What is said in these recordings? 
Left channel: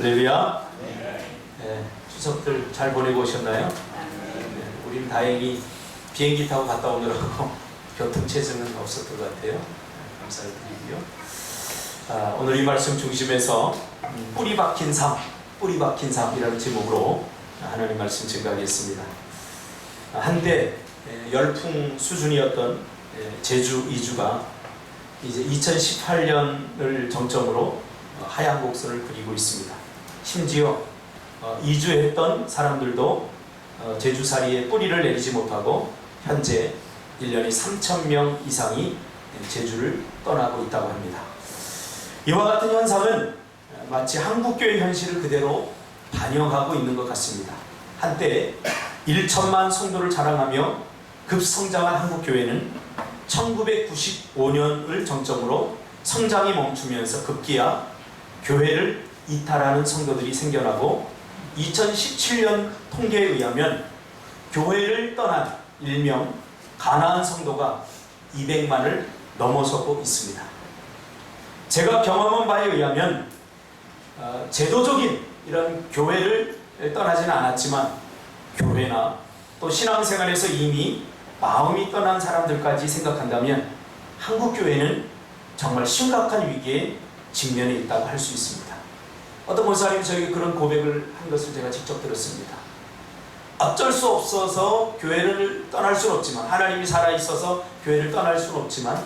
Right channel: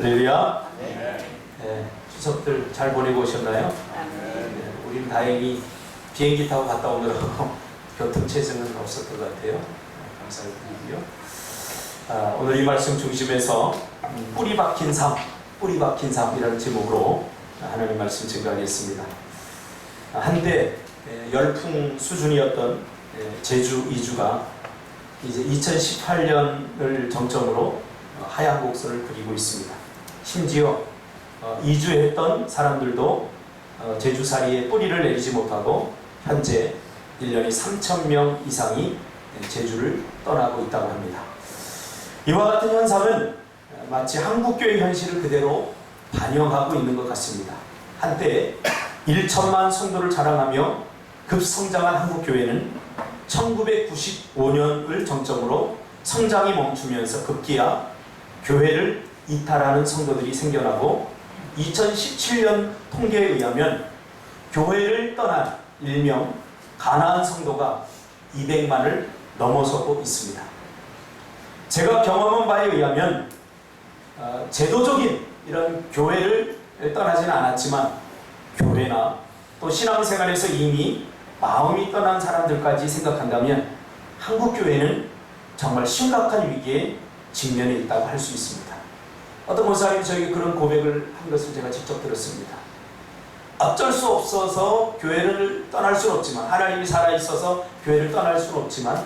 할렐루야. 네, 추석들 잘 보내고 오셨나요? 네, 우리는 다행히 비행기 타고 갔다 오느라고 교통체증은 없었던 것 같아요. 네, 감사를 드리고요. 오늘 이 말씀 중심에서 뿌리 박힌 삶이라는 제목으로 하나님 말씀 증거하겠습니다. 한때 열풍 수준이었던 제주 이주가 이제 2018년을 정점으로 하향 곡선을 그리고 있습니다. 심지어 이주했던 사람들도 제주살이에 뿌리를 내리지 못하고 현재 1년에 3,000명 이상이 제주를 떠나고 있다고 합니다. 이와 같은 현상은 마치 한국교회 현실을 그대로 반영하고 있는 것 같습니다. 한때 1천만 성도를 자랑하며 급성장한 한국교회는 1995년을 정점으로 성장이 멈추면서 급기야 교회를 이탈하는 성도들이 생겨나고 2017년 통계에 의하면 교회를 떠난 일명 가나안 성도가 200만을 넘어서고 있습니다. 제가 경험한 바에 의하면 제도적인 이런 교회를 떠나지는 않았지만 교회나 또 신앙생활에서 이미 마음이 떠난 사람들까지 생각한다면 한국교회는 정말 심각한 위기에 직면해 있다고 할 수 있습니다. 어떤 목사님이 저에게 그런 고백을 한 것을 제가 직접 들었습니다. 어쩔 수 없어서 교회를 떠날 수는 없지만, 하나님이 살아있어서 교회를 떠날 수는 없지만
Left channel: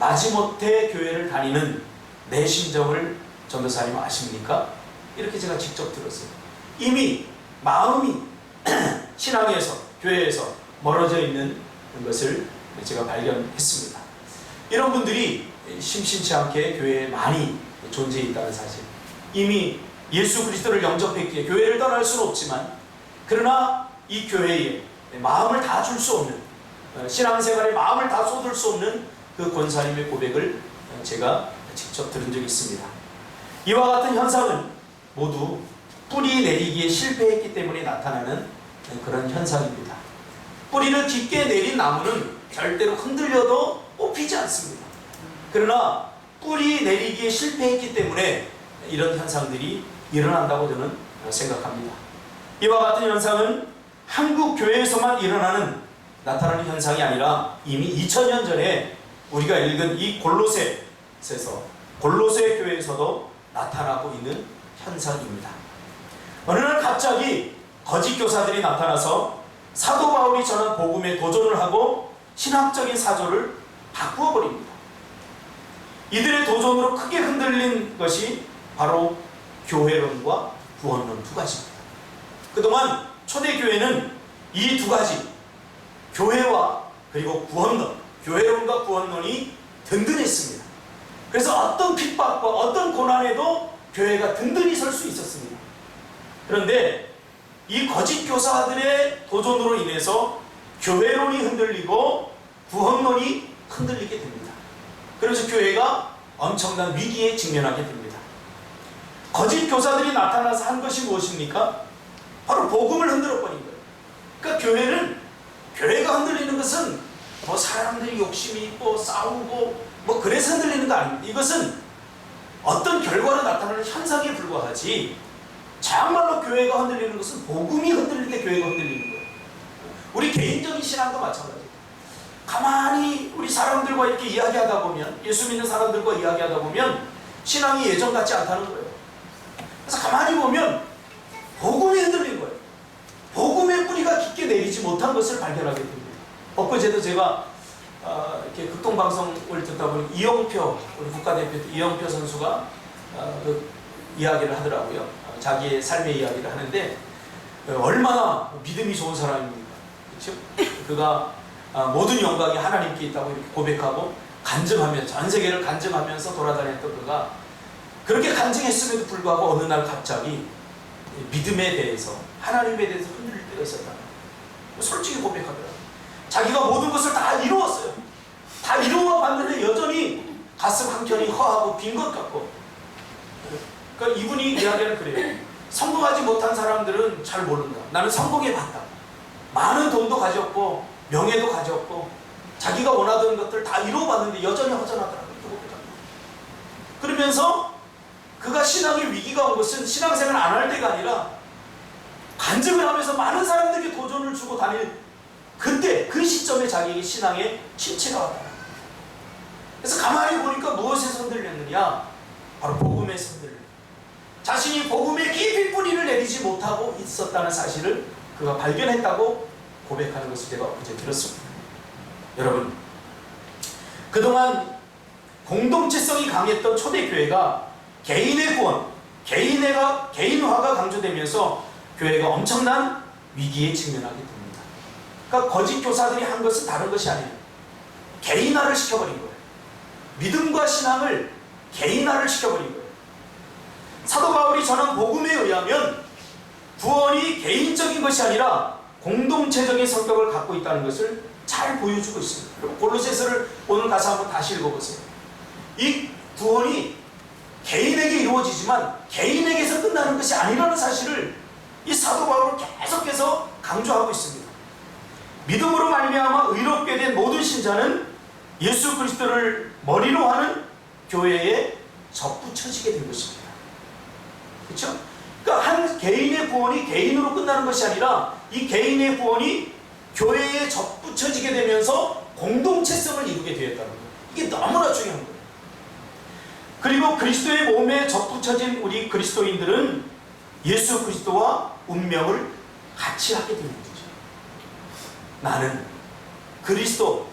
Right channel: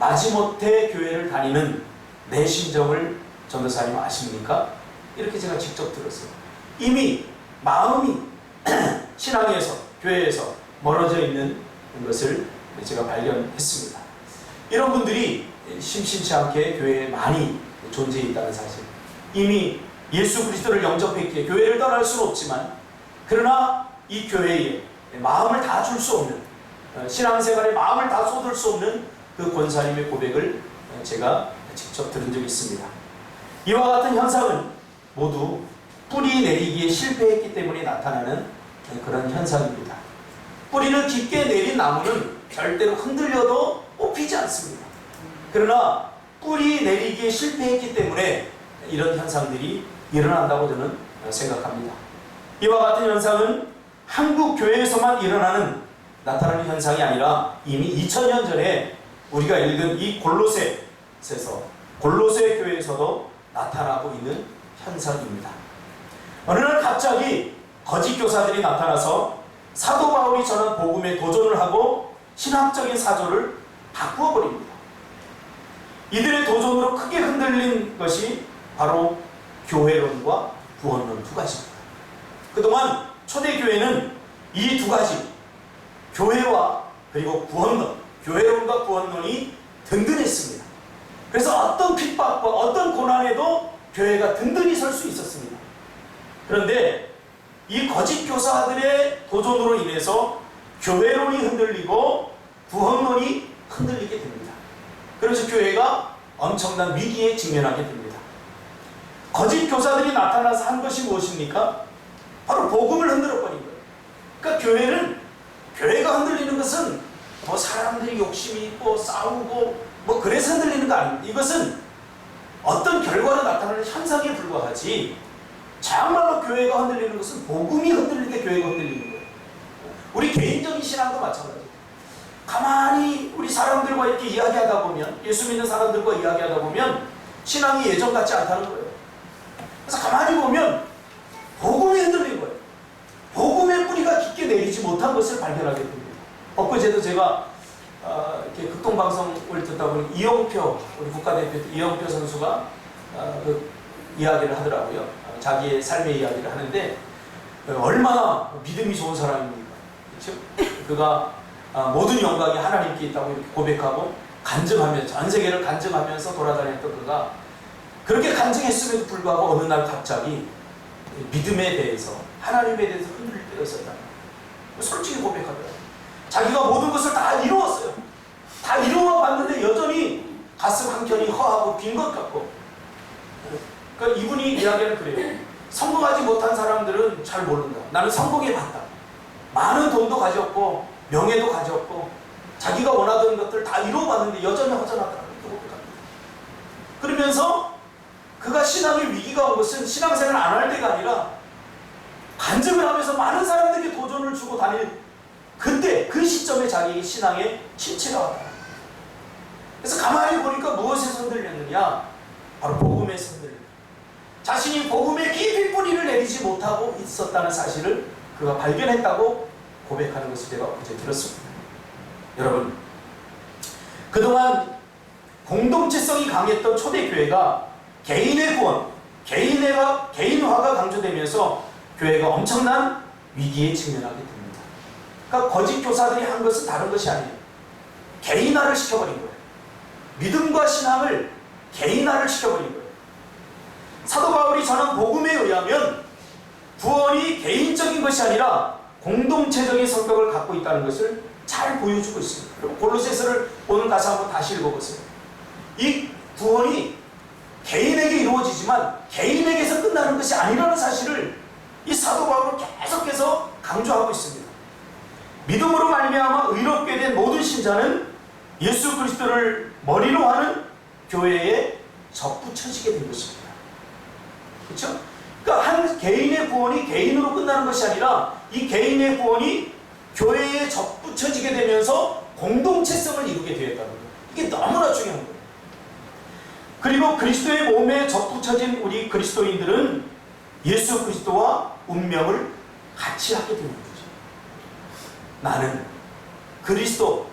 마지못해 교회를 다니는 내 심정을 전도사님 아십니까? 이렇게 제가 직접 들었어요. 이미 마음이 신앙에서, 교회에서 멀어져 있는 것을 제가 발견했습니다. 이런 분들이 심심치 않게 교회에 많이 존재해 있다는 사실, 이미 예수 그리스도를 영접했기에 교회를 떠날 수는 없지만, 그러나 이 교회에 마음을 다 줄 수 없는, 신앙생활에 마음을 다 쏟을 수 없는 그 권사님의 고백을 제가 직접 들은 적이 있습니다. 이와 같은 현상은 모두 뿌리 내리기에 실패했기 때문에 나타나는 그런 현상입니다. 뿌리를 깊게 내린 나무는 절대로 흔들려도 뽑히지 않습니다. 그러나 뿌리 내리기에 실패했기 때문에 이런 현상들이 일어난다고 저는 생각합니다. 이와 같은 현상은 한국 교회에서만 나타나는 현상이 아니라 이미 2000년 전에 우리가 읽은 이 골로새에서, 골로새 교회에서도 나타나고 있는 현상입니다. 어느 날 갑자기 거짓 교사들이 나타나서 사도 바울이 전한 복음에 도전을 하고 신학적인 사조를 바꾸어 버립니다. 이들의 도전으로 크게 흔들린 것이 바로 교회론과 구원론 두 가지입니다. 그동안 초대교회는 이 두 가지, 교회와 그리고 구원론, 교회론과 구원론이 든든했습니다. 그래서 어떤 핍박과 어떤 고난에도 교회가 든든히 설 수 있었습니다. 그런데 이 거짓 교사들의 도전으로 인해서 교회론이 흔들리고 구원론이 흔들리게 됩니다. 그래서 교회가 엄청난 위기에 직면하게 됩니다. 거짓 교사들이 나타나서 한 것이 무엇입니까? 바로 복음을 흔들어버린 거예요. 그러니까 교회가 흔들리는 것은 뭐 사람들이 욕심이 있고 싸우고 뭐 그래서 흔들리는 거 아닙니다. 이것은 어떤 결과로 나타나는 현상에 불과하지, 정말로 교회가 흔들리는 것은 복음이 흔들릴 때 교회가 흔들리는 거예요. 우리 개인적인 신앙도 마찬가지예요. 가만히 우리 사람들과 이렇게 이야기하다 보면, 예수 믿는 사람들과 이야기하다 보면 신앙이 예전 같지 않다는 거예요. 그래서 가만히 보면 복음이 흔들린 거예요. 복음의 뿌리가 깊게 내리지 못한 것을 발견하게 됩니다. 엊그제도 제가 이렇게 극동방송을 듣다 보니 이영표, 우리 국가대표 이영표 선수가 그 이야기를 하더라고요. 자기의 삶의 이야기를 하는데 얼마나 믿음이 좋은 사람입니까? 그렇죠? 그가 모든 영광이 하나님께 있다고 이렇게 고백하고 간증하면서, 전 세계를 간증하면서 돌아다녔던 그가 그렇게 간증했음에도 불구하고 어느 날 갑자기 믿음에 대해서, 하나님에 대해서 흔들릴 때가 있었다. 솔직히 고백하더라고요. 자기가 모든 것을 다 이루었어요. 다 이루어 봤는데 여전히 가슴 한켠이 허하고 빈 것 같고. 그러니까 이분이 이야기는 그래요. 성공하지 못한 사람들은 잘 모른다. 나는 성공해 봤다. 많은 돈도 가졌고 명예도 가졌고 자기가 원하던 것들 다 이루어봤는데 여전히 허전하더라고요. 그러면서 그가 신앙의 위기가 위기가 온 것은 신앙생활 안 할 때가 아니라 간증을 하면서 많은 사람들에게 도전을 주고 다닐 그때 그 시점에 자기의 신앙에 침체가 왔다. 그래서 가만히 보니까 무엇에서 흔들렸느냐? 바로 복음에서 흔들렸다. 자신이 복음에 깊이 뿌리를 내리지 못하고 있었다는 사실을 그가 발견했다고 고백하는 것을 제가 어제 들었습니다. 여러분, 그동안 공동체성이 강했던 초대교회가 개인의 구원, 개인화가 강조되면서 교회가 엄청난 위기에 직면하게 됩니다. 그러니까 거짓 교사들이 한 것은 다른 것이 아니에요. 개인화를 시켜버린 거예요. 믿음과 신앙을 개인화를 시켜버린 거예요. 사도 바울이 전한 복음에 의하면 구원이 개인적인 것이 아니라 공동체적인 성격을 갖고 있다는 것을 잘 보여주고 있습니다. 그리고 골로새서를 오늘 가서 한번 다시 읽어보세요. 이 구원이 개인에게 이루어지지만 개인에게서 끝나는 것이 아니라는 사실을 이 사도 바울은 계속해서 강조하고 있습니다. 믿음으로 말미암아 의롭게 된 모든 신자는 예수 그리스도를 머리로 하는 교회에 접붙여지게 된 것입니다. 그렇죠? 그러니까 한 개인의 구원이 개인으로 끝나는 것이 아니라 이 개인의 구원이 교회에 접붙여지게 되면서 공동체성을 이루게 되었다는 거예요. 이게 너무나 중요한 거예요. 그리고 그리스도의 몸에 접붙여진 우리 그리스도인들은 예수 그리스도와 운명을 같이 하게 되는 거죠. 나는 그리스도,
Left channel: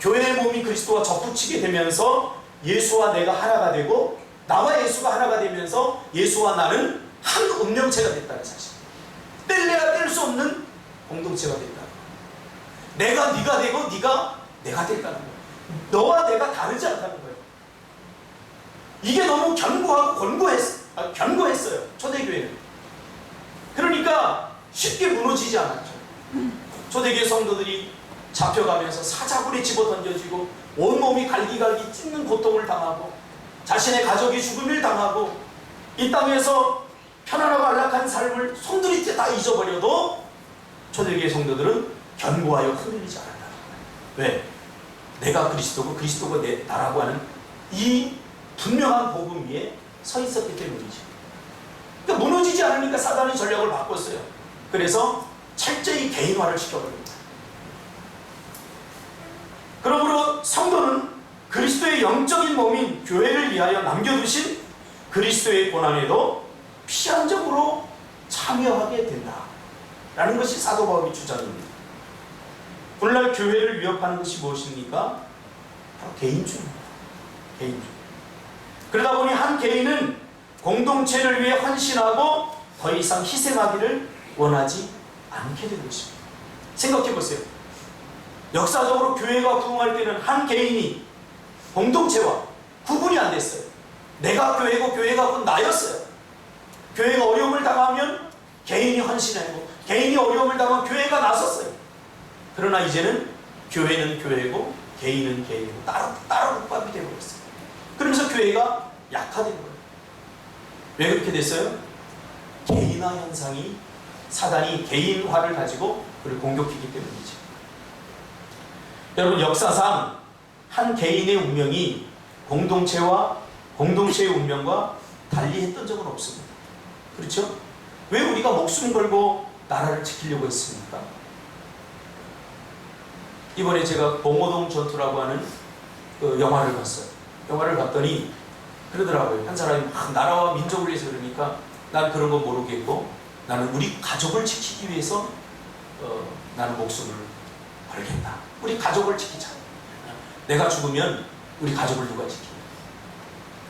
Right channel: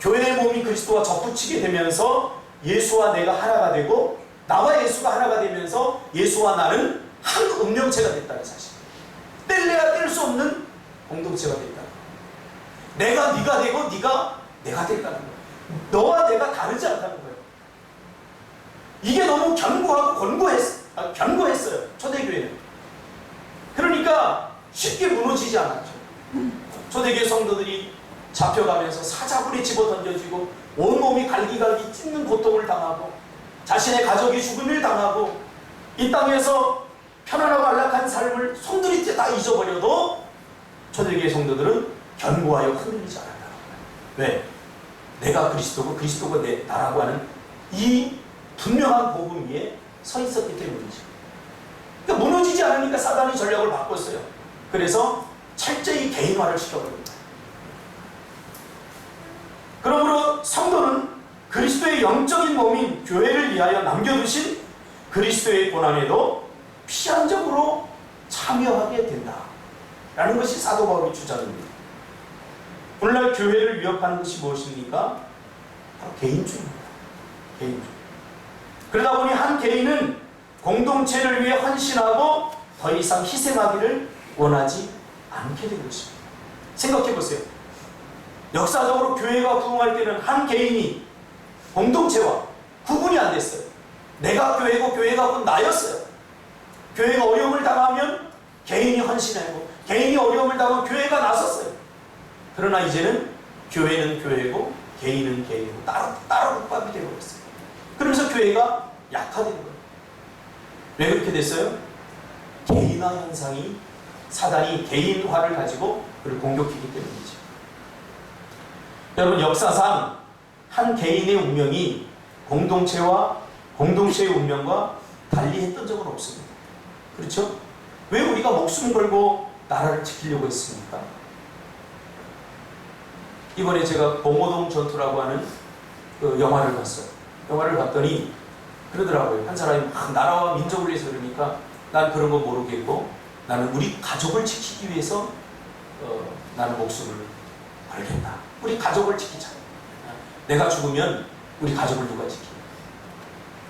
교회의 몸이 그리스도와 접붙이게 되면서 예수와 내가 하나가 되고 나와 예수가 하나가 되면서 예수와 나는 한 운명체가 됐다는 사실. 뗄래야 뗄 수 없는 공동체가 됐다. 내가 네가 되고 네가 내가 됐다는 거예요. 너와 내가 다르지 않다는 거예요. 이게 너무 견고하고 견고했어요. 초대교회는. 그러니까 쉽게 무너지지 않았죠. 초대교회 성도들이 잡혀가면서 사자굴에 집어 던져지고 온몸이 갈기갈기 찢는 고통을 당하고 자신의 가족이 죽음을 당하고 이 땅에서 편안하고 안락한 삶을 손들이 다 잊어버려도 초대교회 성도들은 견고하여 흔들리지 않았다는 거예요. 왜? 내가 그리스도고 그리스도가 나라고 하는 이 분명한 복음 위에 서 있었기 때문이죠. 그러니까 무너지지 않으니까 사단이 전략을 바꿨어요. 그래서 철저히 개인화를 시켜버립니다. 그러므로 성도는 그리스도의 영적인 몸인 교회를 위하여 남겨두신 그리스도의 고난에도 피한적으로 참여하게 된다 라는 것이 사도 바울의 주장입니다. 오늘날 교회를 위협하는 것이 무엇입니까? 바로 개인주의입니다. 개인주의. 그러다 보니 한 개인은 공동체를 위해 헌신하고 더 이상 희생하기를 원하지 않게 된 것입니다. 생각해 보세요. 역사적으로 교회가 부흥할 때는 한 개인이 공동체와 구분이 안 됐어요. 내가 교회고 교회가 곧 나였어요. 교회가 어려움을 당하면 개인이 헌신하고 개인이 어려움을 당하면 교회가 나섰어요. 그러나 이제는 교회는 교회고 개인은 개인이고 따로 국밥이 되어버렸어요. 그러면서 교회가 약화되는 거예요. 왜 그렇게 됐어요? 개인화 현상이 사단이 개인화를 가지고 그를 공격했기 때문이죠. 여러분, 역사상 한 개인의 운명이 공동체의 운명과 달리했던 적은 없습니다. 그렇죠? 왜 우리가 목숨 걸고 나라를 지키려고 했습니까? 이번에 제가 봉오동 전투라고 하는 그 영화를 봤어요. 영화를 봤더니 그러더라고요. 한 사람이 막 나라와 민족을 위해서 그러니까 난 그런 거 모르겠고 나는 우리 가족을 지키기 위해서 나는 목숨을 걸겠다. 우리 가족을 지키자. 내가 죽으면 우리 가족을 누가 지키냐.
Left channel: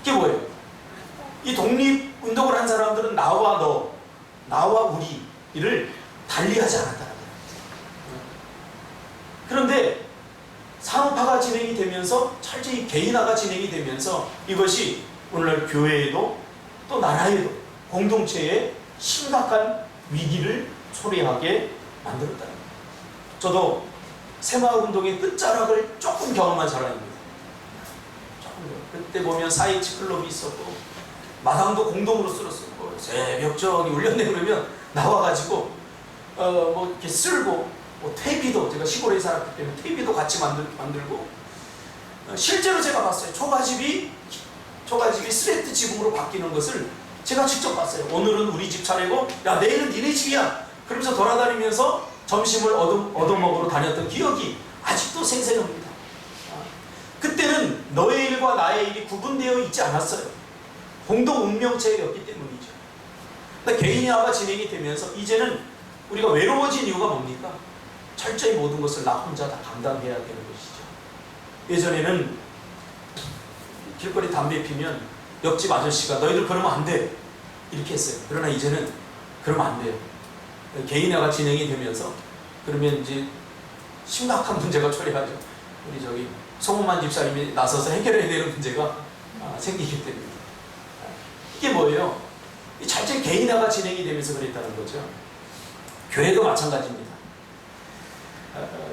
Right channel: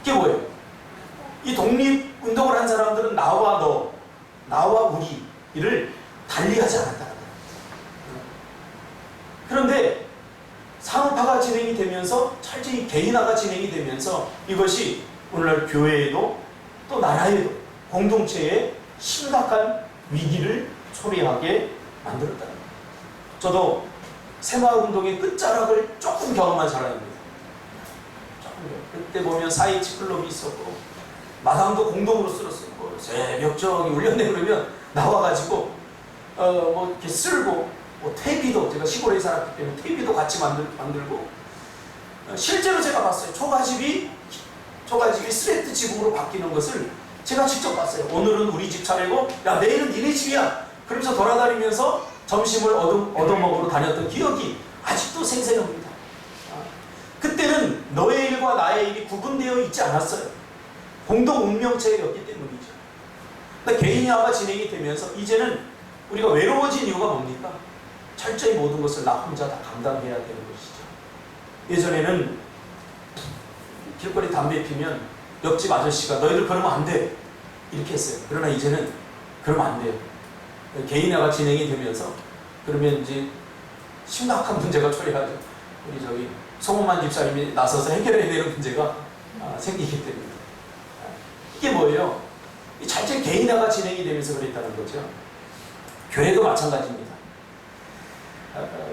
이게 뭐예요? 이 독립운동을 한 사람들은 나와 너, 나와 우리를 달리하지 않았다는 거예요. 그런데 산업화가 진행이 되면서 철저히 개인화가 진행이 되면서 이것이 오늘날 교회에도 또 나라에도 공동체에 심각한 위기를 초래하게 만들었다는 거예요. 저도 새마을운동의 끝자락을 조금 경험한 사람입니다. 그때 보면 4.27 클럽이 있었고 마당도 공동으로 쓸었었고 새벽 저기 울렸네 그러면 나와가지고 뭐 이렇게 쓸고 뭐 퇴비도 제가 시골에 살았기 때문에 퇴비도 같이 만들고 실제로 제가 봤어요. 초가집이 스레트 지붕으로 바뀌는 것을 제가 직접 봤어요. 오늘은 우리 집 차례고 야 내일은 니네 집이야. 그러면서 돌아다니면서 점심을 얻어먹으러 다녔던 기억이 아직도 생생합니다. 그때는 너의 일과 나의 일이 구분되어 있지 않았어요. 공동 운명체였기 때문이죠. 근데 개인화가 진행이 되면서 이제는 우리가 외로워진 이유가 뭡니까? 철저히 모든 것을 나 혼자 다 감당해야 되는 것이죠. 예전에는 길거리 담배 피면 옆집 아저씨가 너희들 그러면 안 돼 이렇게 했어요. 그러나 이제는 그러면 안 돼요. 개인화가 진행이 되면서 그러면 이제 심각한 문제가 초래하죠. 우리 저기 송원만 집사님이 나서서 해결해야 되는 문제가 생기기 때문에. 이게 뭐예요? 철저히 개인화가 진행이 되면서 그랬다는 거죠. 교회도 마찬가지입니다.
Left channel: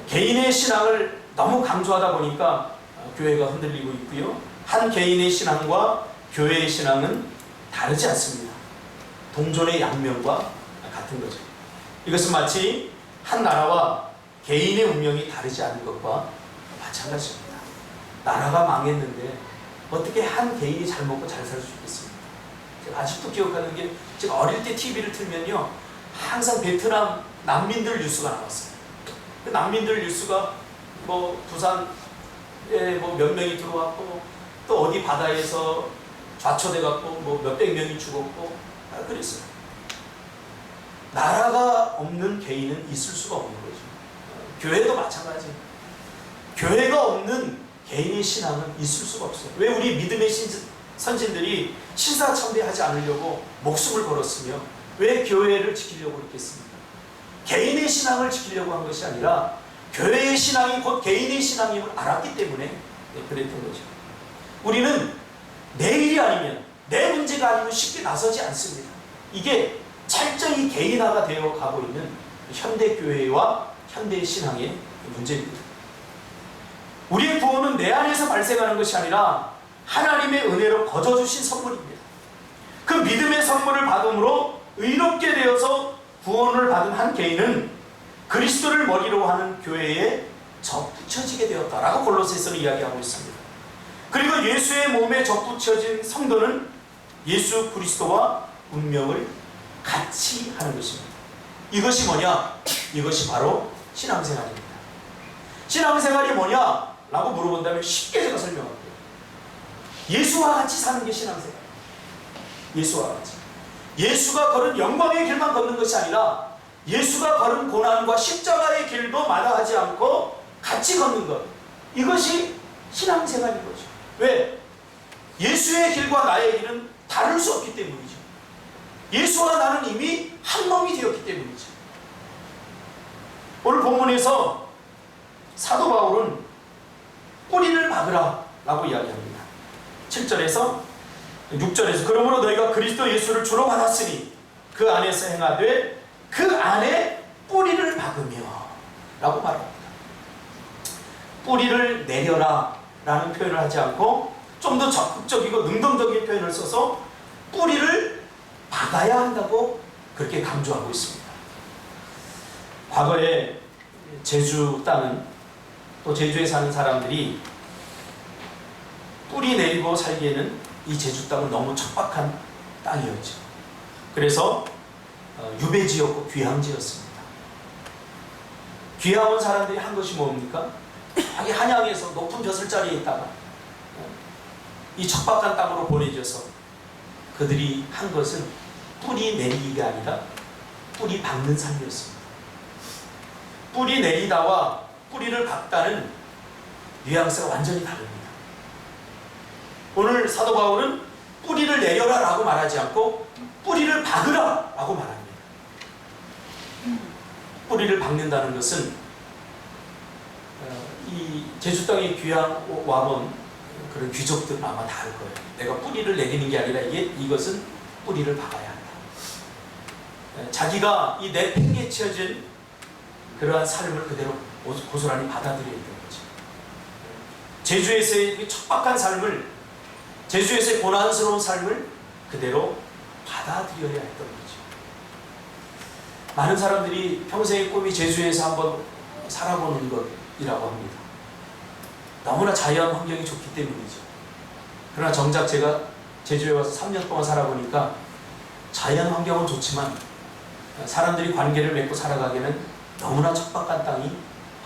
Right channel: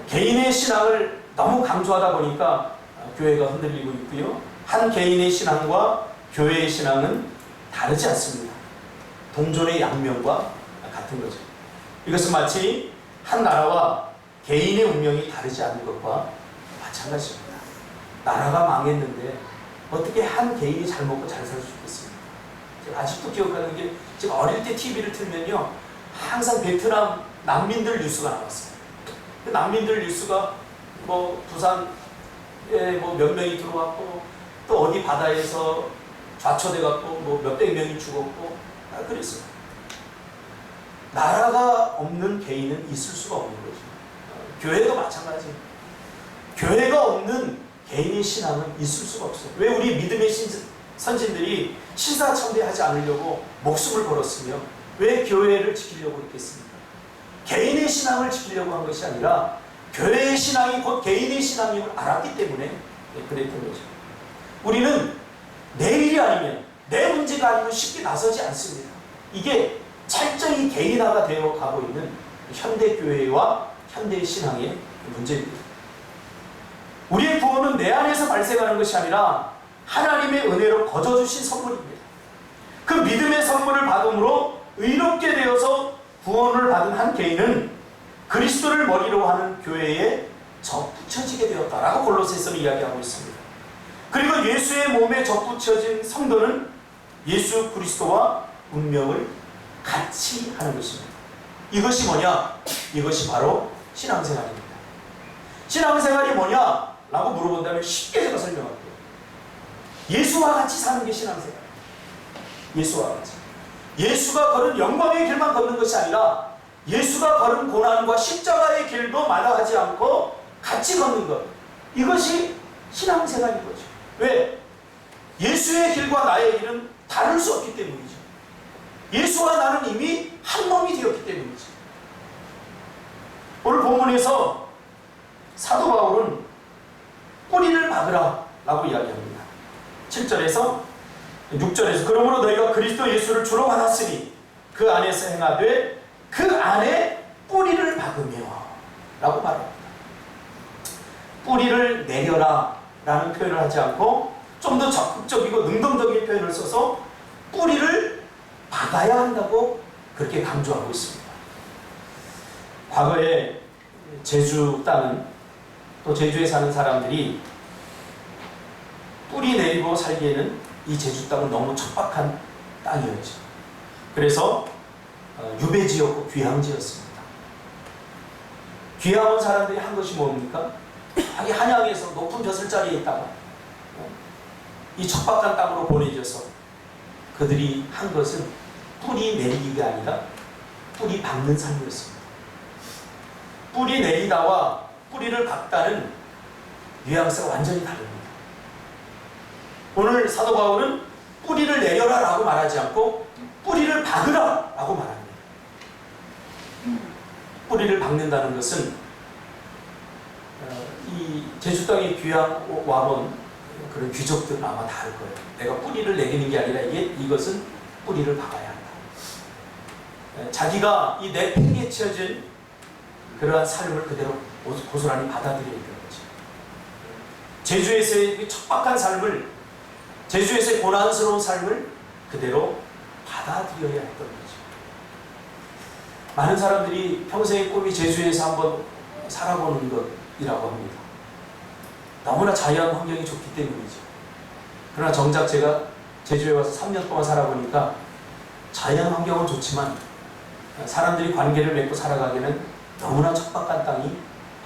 개인의 신앙을 너무 강조하다 보니까 교회가 흔들리고 있고요. 한 개인의 신앙과 교회의 신앙은 다르지 않습니다. 동전의 양면과 같은 거죠. 이것은 마치 한 나라와 개인의 운명이 다르지 않은 것과 마찬가지입니다. 나라가 망했는데 어떻게 한 개인이 잘 먹고 잘 살 수 있겠습니까? 제가 아직도 기억하는 게 제가 어릴 때 TV를 틀면요 항상 베트남 난민들 뉴스가 나왔어요. 그 난민들 뉴스가 뭐 부산에 뭐 몇 명이 들어왔고 또 어디 바다에서 좌초돼 갖고 뭐 몇백 명이 죽었고 그랬어요. 나라가 없는 개인은 있을 수가 없는 거죠. 교회도 마찬가지예요. 교회가 없는 개인의 신앙은 있을 수가 없어요. 왜 우리 믿음의 선진들이 신사참배하지 않으려고 목숨을 걸었으며 왜 교회를 지키려고 했겠습니까? 개인의 신앙을 지키려고 한 것이 아니라 교회의 신앙이 곧 개인의 신앙임을 알았기 때문에 그랬던 거죠. 우리는 내 일이 아니면 내 문제가 아니면 쉽게 나서지 않습니다. 이게 철저히 개인화가 되어 가고 있는 현대교회와 현대신앙의 문제입니다. 우리의 구원은 내 안에서 발생하는 것이 아니라 하나님의 은혜로 거저주신 선물입니다. 그 믿음의 선물을 받음으로 의롭게 되어서 구원을 받은 한 개인은 그리스도를 머리로 하는 교회에 접붙여지게 되었다라고 골로새서는 이야기하고 있습니다. 그리고 예수의 몸에 접붙여진 성도는 예수 그리스도와 운명을 같이 하는 것입니다. 이것이 뭐냐? 이것이 바로 신앙생활입니다. 신앙생활이 뭐냐? 라고 물어본다면 쉽게 제가 설명할게요. 예수와 같이 사는 게 신앙생활이에요. 예수와 같이. 예수가 걸은 영광의 길만 걷는 것이 아니라 예수가 걸은 고난과 십자가의 길도 마다하지 않고 같이 걷는 것. 이것이 신앙생활인 거죠. 왜? 예수의 길과 나의 길은 다를 수 없기 때문이죠. 예수와 나는 이미 한 몸이 되었기 때문이죠. 오늘 본문에서 사도 바울은 뿌리를 박으라 라고 이야기합니다. 7절에서 6절에서 그러므로 너희가 그리스도 예수를 주로 받았으니 그 안에서 행하되 그 안에 뿌리를 박으며 라고 말합니다. 뿌리를 내려라 라는 표현을 하지 않고 좀 더 적극적이고 능동적인 표현을 써서 뿌리를 박아야 한다고 그렇게 강조하고 있습니다. 과거에 제주 땅은 또 제주에 사는 사람들이 뿌리 내리고 살기에는 이 제주 땅은 너무 척박한 땅이었죠. 그래서 유배지였고 귀향지였습니다. 귀향 온 사람들이 한 것이 뭡니까? 자기 한양에서 높은 벼슬자리에 있다가 이 척박한 땅으로 보내져서 그들이 한 것은 뿌리 내리기가 아니라 뿌리 박는 삶이었습니다. 뿌리 내리다와 뿌리를 박다는 뉘앙스가 완전히 다릅니다. 오늘 사도 바울은 뿌리를 내려라 라고 말하지 않고 뿌리를 박으라 라고 말합니다. 뿌리를 박는다는 것은 이 제주 땅에 귀향 와본 그런 귀족들은 아마 다 알 거예요. 내가 뿌리를 내리는 게 아니라 이것은 뿌리를 박아야 한다. 자기가 이 내팽개쳐진 그러한 삶을 그대로 고스란히 받아들여야 되는 거죠. 제주에서의 척박한 삶을, 제주에서의 고난스러운 삶을 그대로 받아들여야 했던 거죠. 많은 사람들이 평생의 꿈이 제주에서 한번 살아보는 것이라고 합니다. 너무나 자유한 환경이 좋기 때문이죠. 그러나 정작 제가 제주에 와서 3년 동안 살아보니까 자연 환경은 좋지만 사람들이 관계를 맺고 살아가기에는 너무나 척박한 땅이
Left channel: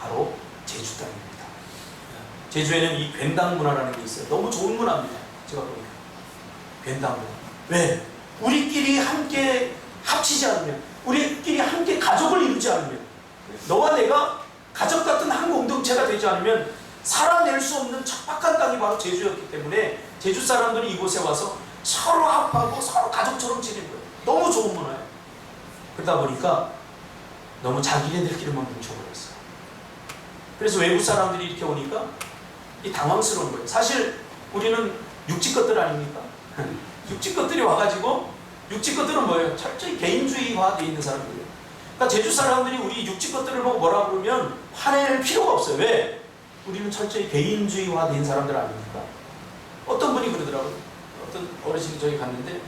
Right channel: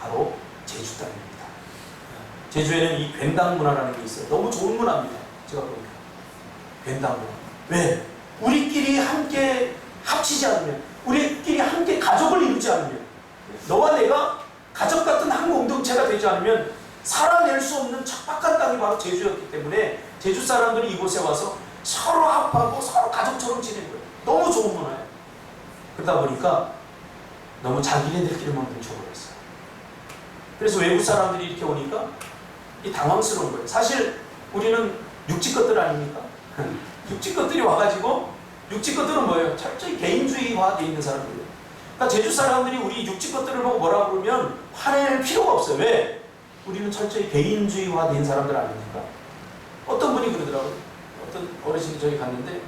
바로 제주 땅입니다. 제주에는 이 괜당 문화라는 게 있어요. 너무 좋은 문화입니다. 제가 보니까 괜당 문화. 왜? 우리끼리 함께 합치지 않으면, 우리끼리 함께 가족을 이루지 않으면, 너와 내가 가족 같은 한 공동체가 되지 않으면 살아낼 수 없는 척박한 땅이 바로 제주였기 때문에 제주 사람들이 이곳에 와서 서로 합하고 서로 가족처럼 지내는 거예요. 너무 좋은 문화예요. 그러다 보니까 너무 자기네들끼리만 뭉쳐버렸어요. 그래서 외국 사람들이 이렇게 오니까 이 당황스러운 거예요. 사실 우리는 육지 것들 아닙니까? 육지 것들이 와가지고, 육지 것들은 뭐예요? 철저히 개인주의화되어 있는 사람들이에요. 그러니까 제주 사람들이 우리 육지 것들을 보고 뭐라 그러면 화낼 필요가 없어요. 왜? 우리는 철저히 개인주의화된 사람들 아닙니까? 어떤 분이 그러더라고요. 어떤 어르신이 저기 갔는데,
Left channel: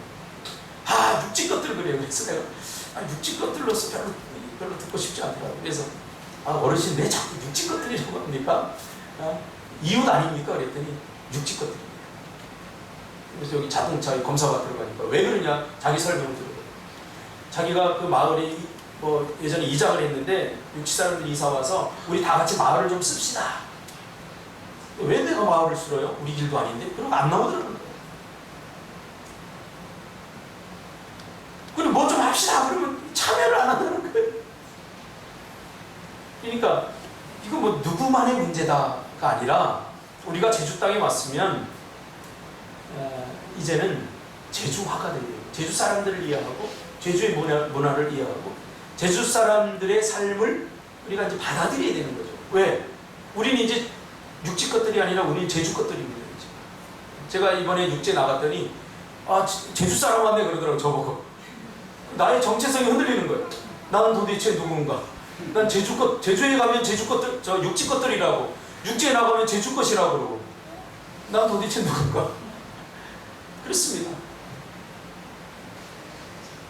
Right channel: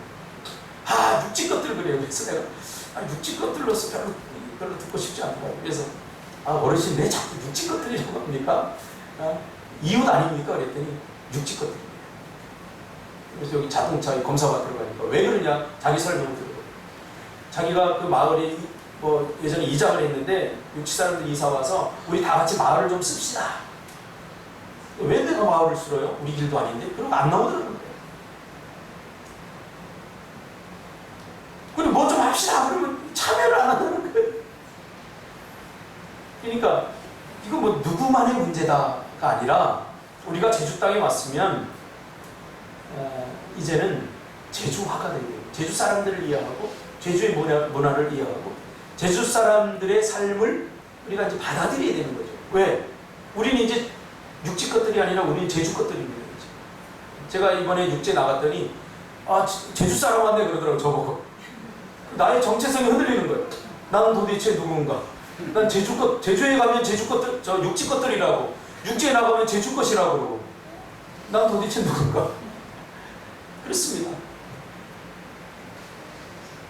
육지 것들 그래요. 그래서 내가 육지 것들로서 별로 듣고 싶지 않더라고요. 그래서 어르신 왜 자꾸 육지 것들이라고 합니까? 이웃 아닙니까? 그랬더니 육지 것들입니다. 그래서 여기 자동차 검사받으러 가니까 왜 그러냐? 자기 설명을 들어요. 자기가 그 마을에 예전에 이장을 했는데 육지 사람들이 이사 와서 우리 다 같이 마을을 좀 씁시다. 왜 내가 마을을 쓸어요? 우리 길도 아닌데? 그러고 안 나오더라는 거예요. 그리고 뭐 좀 합시다. 그러면 참여를 안 한다는 거예요. 그러니까 이거 뭐 누구만의 문제다가 아니라 우리가 제주 땅에 왔으면 이제는 제주화가 되고 제주 사람들을 이해하고 제주의 문화를 이해하고 제주 사람들의 삶을 우리가 이제 받아들여야 되는 거죠. 왜? 우리는 이제 육지 것들이 아니라 우리는 제주 것들입니다. 제가 이번에 육지에 나갔더니 제주 사람 왔네 그러더라고요. 저보고. 나의 정체성이 흔들리는 거예요. 나는 도대체 누군가? 난 제주에 가면 제주 것들, 육지 것들이라고, 육지에 나가면 제주 것이라고 그러고, 난 도대체 누군가? 그렇습니다.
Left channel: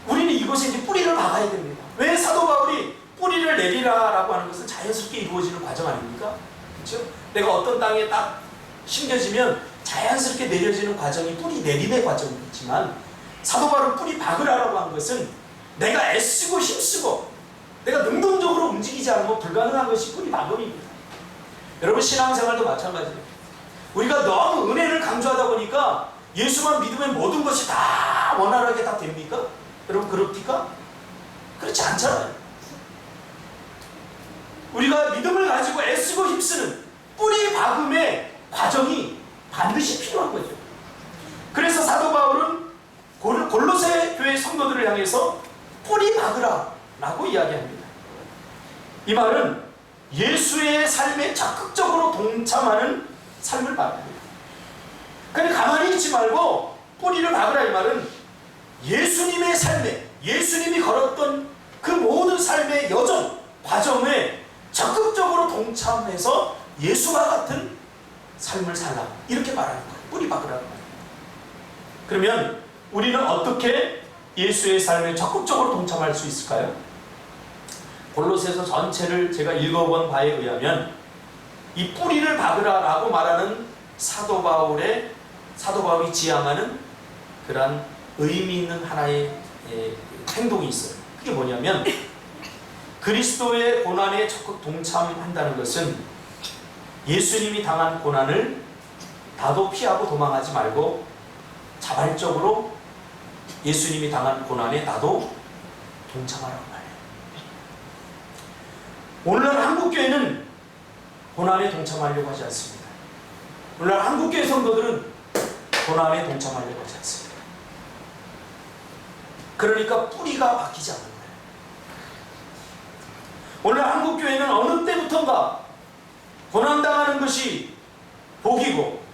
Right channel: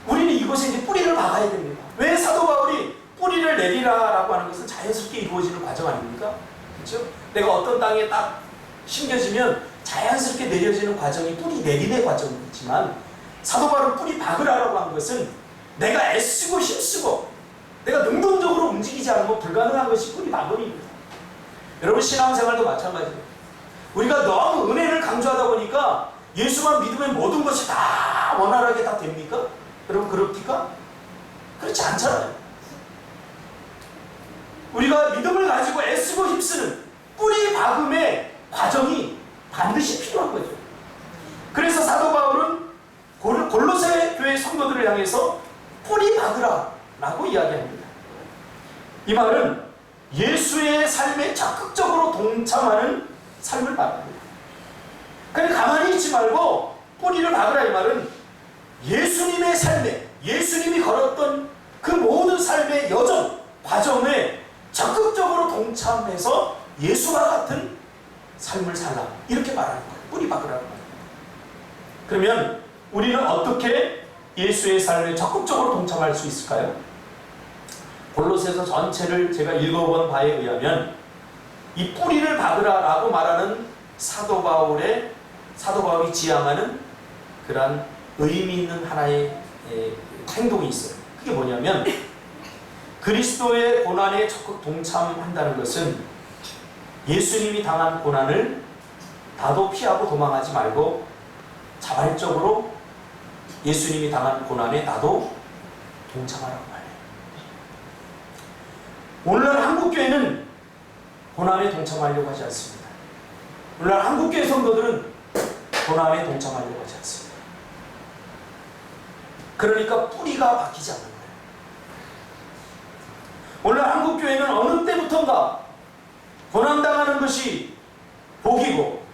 우리는 이곳에 이제 뿌리를 박아야 됩니다. 왜 사도 바울이 뿌리를 내리라라고 하는 것은 자연스럽게 이루어지는 과정 아닙니까? 그렇죠? 내가 어떤 땅에 딱 심겨지면 자연스럽게 내려지는 과정이 뿌리 내림의 과정이지만, 사도 바울은 뿌리 박으라라고 한 것은 내가 애쓰고 힘쓰고 내가 능동적으로 움직이지 않으면 불가능한 것이 뿌리 박음입니다. 여러분 신앙생활도 마찬가지예요. 우리가 너무 은혜를 강조하다 보니까 예수만 믿으면 모든 것이 다 원활하게 다 됩니까? 여러분 그렇습니까? 그렇지 않잖아요. 우리가 믿음을 가지고 애쓰고 힘쓰는 뿌리 박음의 과정이 반드시 필요한 거죠. 그래서 사도 바울은 골로새 교회 성도들을 향해서 뿌리 박으라 라고 이야기합니다. 이 말은 예수의 삶에 적극적으로 동참하는 삶을 말합니다. 그러니까 가만히 있지 말고 뿌리를 박으라 이 말은 예수님의 삶에, 예수님이 걸었던 그 모든 삶의 여정, 과정에 적극적으로 동참해서 예수와 같은 삶을 살라 이렇게 말하는 거예요. 뿌리 박으라는 거예요. 그러면 우리는 어떻게 예수의 삶에 적극적으로 동참할 수 있을까요? 골로새서 전체를 제가 읽어본 바에 의하면 이 뿌리를 박으라라고 말하는 사도 바울이 지향하는 그런 의미 있는 하나의 행동이 있어요. 그게 뭐냐면 그리스도의 고난에 적극 동참한다는 것은 예수님이 당한 고난을 나도 피하고 도망하지 말고 자발적으로 예수님이 당한 고난에 나도 동참하라고 말해요. 오늘날 한국교회는 고난에 동참하려고 하지 않습니다. 오늘날 한국교회 성도들은 고난에 동참하려고 하지 않습니다. 그러니까 뿌리가 바뀌지 않는 거예요. 오늘날 한국교회는 어느 때부턴가 고난당하는 것이 복이고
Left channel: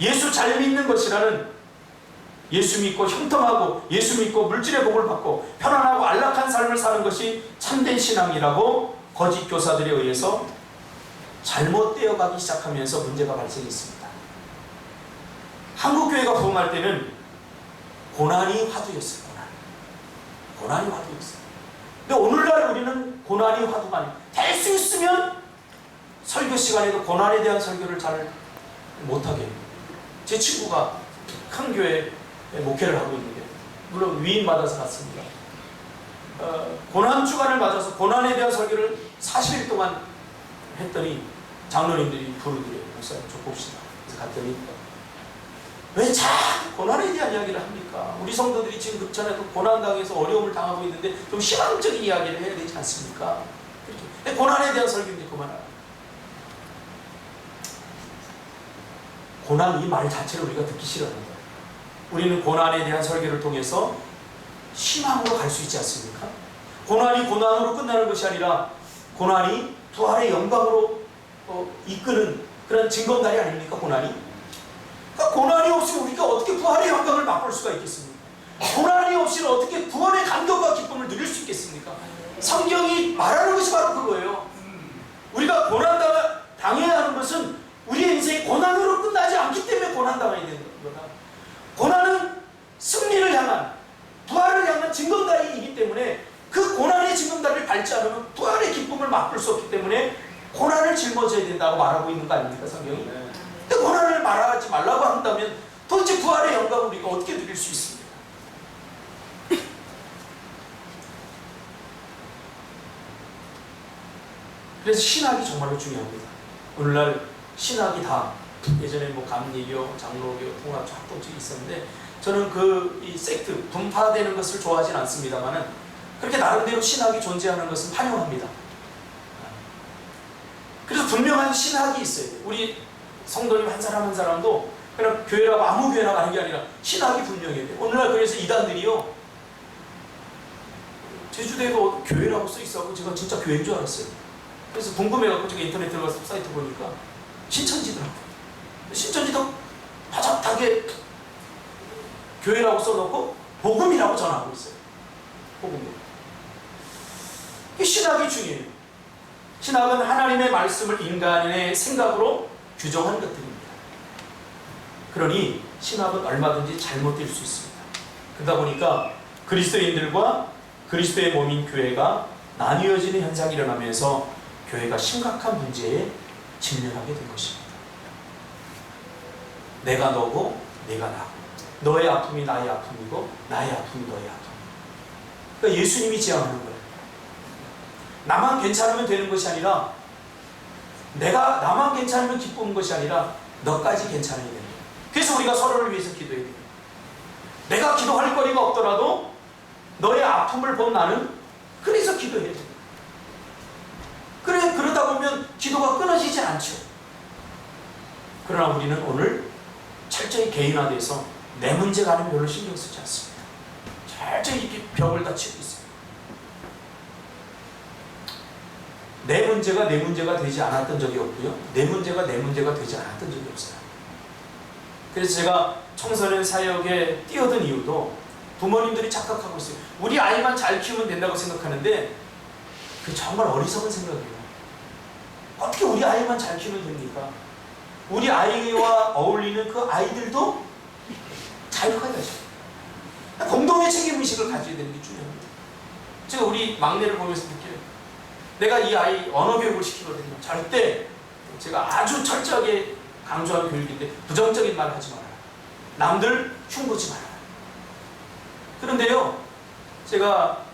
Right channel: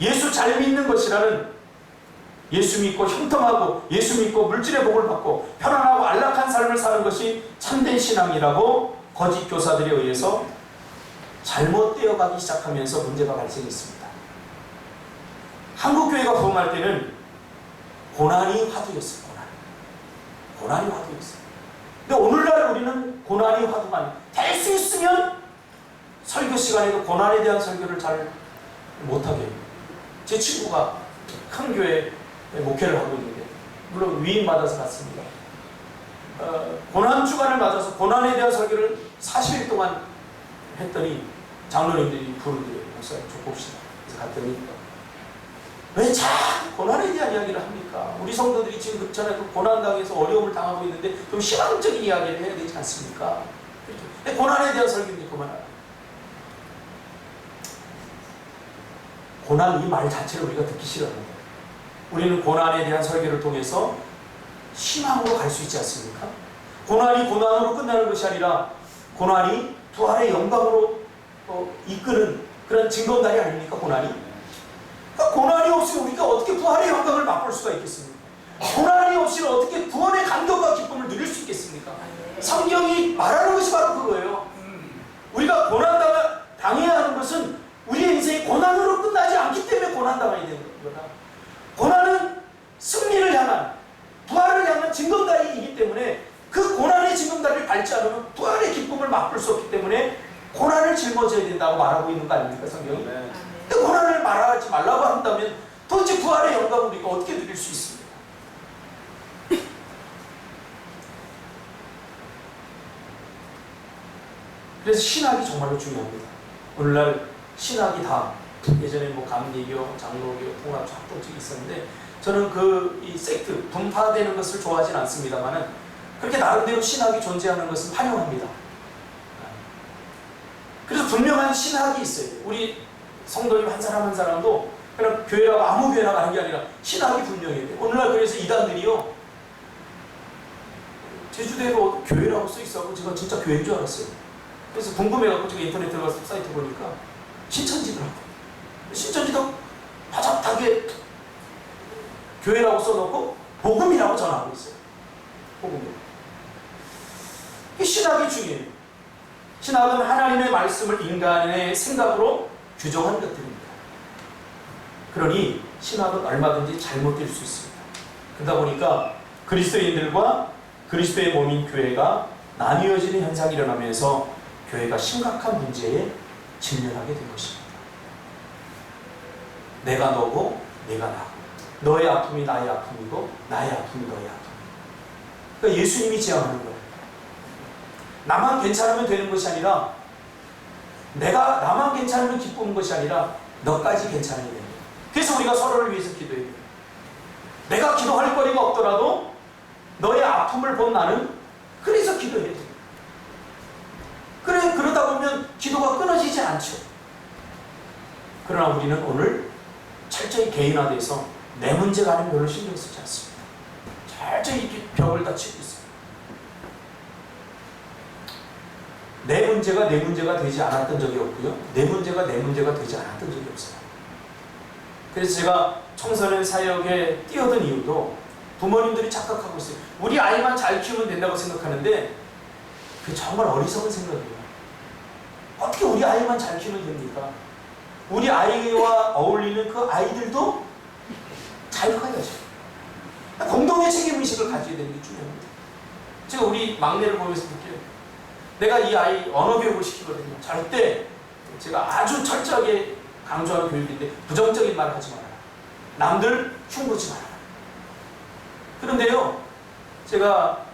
예수 잘 믿는 것이라는, 예수 믿고 형통하고 예수 믿고 물질의 복을 받고 편안하고 안락한 삶을 사는 것이 참된 신앙이라고 거짓 교사들에 의해서 잘못되어 가기 시작하면서 문제가 발생했습니다. 한국교회가 부흥할 때는 고난이 화두였어요. 고난이 화두였어요. 근데 오늘날 우리는 고난이 화두가 아니에요. 될 수 있으면 설교 시간에도 고난에 대한 설교를 잘 못하게 해요. 제 친구가 큰 교회 목회를 하고 있는데 물론 위임받아서 갔습니다. 고난 주간을 맞아서 고난에 대한 설교를 40일 동안 했더니 장로님들이 부르더래요. 목사님 좀 봅시다. 그래서 갔더니 왜 자꾸 고난에 대한 이야기를 합니까? 우리 성도들이 지금 그전에도 고난당해서 어려움을 당하고 있는데 좀 희망적인 이야기를 해야 되지 않습니까? 그렇죠. 고난에 대한 설교인데 그만하라. 고난 이 말 자체를 우리가 듣기 싫어합니다. 우리는 고난에 대한 설교를 통해서 희망으로 갈 수 있지 않습니까? 고난이 고난으로 끝나는 것이 아니라 고난이 부활의 영광으로 이끄는 그런 징검다리 아닙니까? 고난이? 그러니까 고난이 없으면 우리가 어떻게 부활의 영광을 맛볼 수가 있겠습니까? 고난이 없이는 어떻게 구원의 감격과 기쁨을 누릴 수 있겠습니까? 성경이 말하는 것이 바로 그거예요. 우리가 고난당해야 하는 것은 우리의 인생이 고난으로 끝나지 않기 때문에 고난당해야 되는 거다. 고난은 승리를 향한, 부활을 향한 징검다리이기 때문에 그 고난의 징검다리를 밟지 않으면 부활의 기쁨을 맛볼 수 없기 때문에 고난을 짊어져야 된다고 말하고 있는 거 아닙니까, 성경이? 네. 근데 고난을 말하지 말라고 한다면 도대체 부활의 영광을 우리가 어떻게 누릴 수 있습니까? 그래서 신학이 정말로 중요합니다. 오늘날 신학이 다 예전에 뭐 감리교, 장로교, 통합 합동적이 있었는데 저는 이 섹트 분파되는 것을 좋아하진 않습니다만은 그렇게 나름대로 신학이 존재하는 것은 환영합니다. 그래서 분명한 신학이 있어요. 우리 성도님 한 사람 한 사람도 그냥 교회라고 아무 교회나 가는 게 아니라 신학이 분명해야 돼요. 오늘날 그래서 이단들이요, 제주도에도 교회라고 써 있어서 제가 진짜 교회인 줄 알았어요. 그래서 궁금해갖고 제가 인터넷 들어가서 사이트 보니까 신천지더라고요. 신천지도 바짝하게 교회라고 써놓고 복음이라고 전하고 있어요. 복음이요. 이 신학이 중요해요. 신학은 하나님의 말씀을 인간의 생각으로 규정한 것들입니다. 그러니 신학은 얼마든지 잘못될 수 있습니다. 그러다 보니까 그리스도인들과 그리스도의 몸인 교회가 나뉘어지는 현상이 일어나면서 교회가 심각한 문제에 직면하게 된 것입니다. 내가 너고 내가 나고, 너의 아픔이 나의 아픔이고 나의 아픔이 너의 아픔. 그러니까 예수님이 지향하는 거예요. 나만 괜찮으면 되는 것이 아니라, 내가 나만 괜찮으면 기쁜 것이 아니라 너까지 괜찮아야 돼요. 그래서 우리가 서로를 위해서 기도해야 돼요. 내가 기도할 거리가 없더라도 너의 아픔을 본 나는 그래서 기도해야 돼요. 그러다 보면 기도가 끊어지지 않죠. 그러나 우리는 오늘 철저히 개인화돼서 내 문제가는 별로 신경 쓰지 않습니다. 철저히 이렇게 벽을 다 치고 있습니다. 내 문제가 내 문제가 되지 않았던 적이 없고요, 내 문제가 내 문제가 되지 않았던 적이 없어요. 그래서 제가 청소년 사역에 뛰어든 이유도 부모님들이 착각하고 있어요. 우리 아이만 잘 키우면 된다고 생각하는데 그게 정말 어리석은 생각이에요. 어떻게 우리 아이만 잘 키우면 됩니까? 우리 아이와 어울리는 그 아이들도 잘 커야죠. 공동의 책임의식을 가져야 되는 게 중요합니다. 제가 우리 막내를 보면서 느껴요. 내가 이 아이 언어 교육을 시키거든요. 절대 제가 아주 철저하게 강조하는 교육인데 부정적인 말을 하지 말아라. 남들 흉보지 말아라. 그런데요, 제가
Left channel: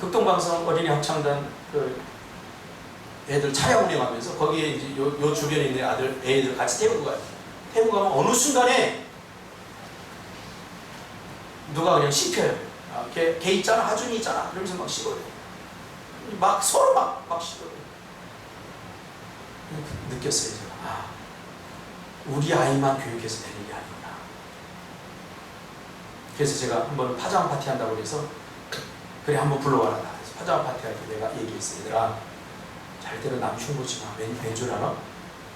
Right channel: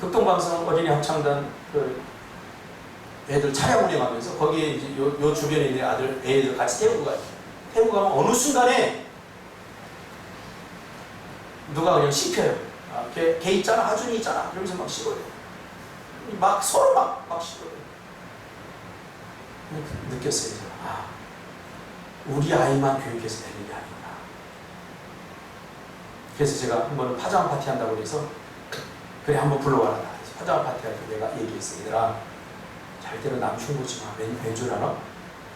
극동방송 어린이 합창단 애들 차량 운행하면서 거기에 이제 요 주변에 있는 애들 같이 태우고 가요. 태우고 가면 어느 순간에 누가 그냥 씹혀요. 걔 있잖아, 하준이 있잖아. 그러면서 막 씹어요. 막 서로 막 씹어요. 느꼈어요, 제가. 우리 아이만 교육해서 되는 게 아니구나. 그래서 제가 한번 파자마 파티 한다고 해서 그래 한번 불러와라. 그래서 파자마 파티 할 때 내가 얘기했어요. 얘들아, 절대로 남 흉보지 마. 왠 줄 알아?